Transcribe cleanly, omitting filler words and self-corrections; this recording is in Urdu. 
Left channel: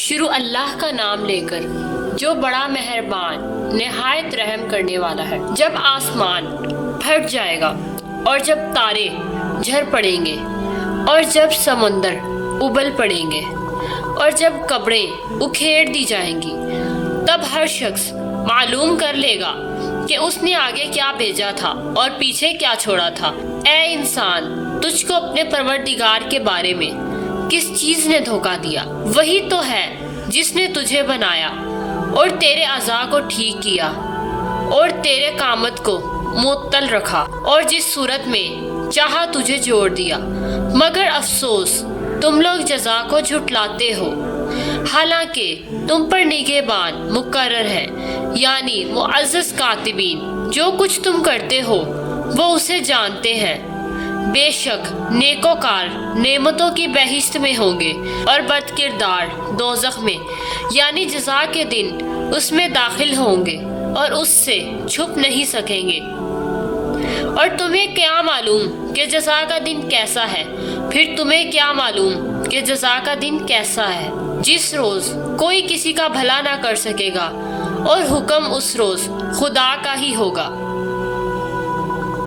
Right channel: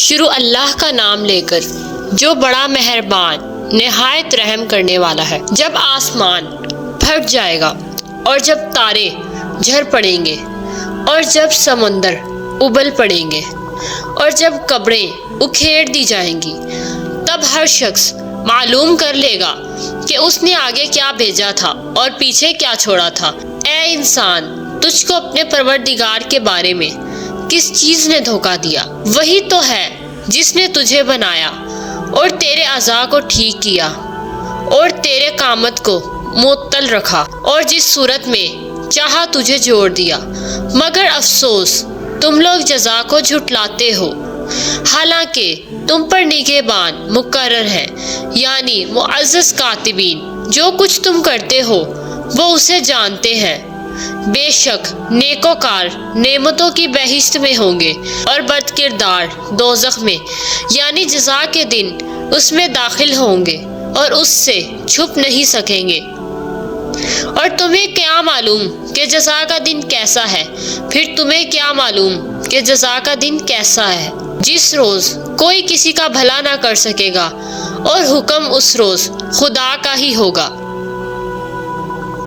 شروع اللہ کا نام لے کر جو بڑا مہربان نہایت رحم کرنے والا ہے۔ جب آسمان پھٹ جائے گا اور جب تارے جھڑ پڑیں گے اور جب سمندر ابل پڑیں گے اور جب قبریں اکھیڑ دی جائیں گی، تب ہر شخص معلوم کر لے گا کہ اس نے آگے کیا بھیجا تھا اور پیچھے کیا چھوڑا تھا۔ اے انسان، تجھ کو اپنے پروردگار کے بارے میں کس چیز نے دھوکہ دیا؟ وہی تو ہے جس نے تجھے بنایا اور تیرے اعضاء کو ٹھیک کیا اور تیرے قامت کو معطل رکھا اور جس صورت میں چاہا تجھے جوڑ دیا۔ مگر افسوس، تم لوگ جزا کو جھٹلاتے ہو، حالانکہ تم پر نگہبان مقرر ہے، یعنی معزز کاتبین۔ جو کچھ تم کرتے ہو وہ اسے جانتے ہیں۔ بے شک نیکوکار نعمتوں کی بہشت میں ہوں گے اور بد کردار دوزخ میں، یعنی جزا کے دن اس میں داخل ہوں گے اور اس سے چھپ نہیں سکیں گے۔ اور تمہیں کیا معلوم کہ جزا کا دن کیسا ہے؟ پھر تمہیں کیا معلوم کہ جزا کا دن کیسا ہے؟ جس روز کوئی کسی کا بھلا نہ کر سکے گا اور حکم اس روز خدا کا ہی ہوگا۔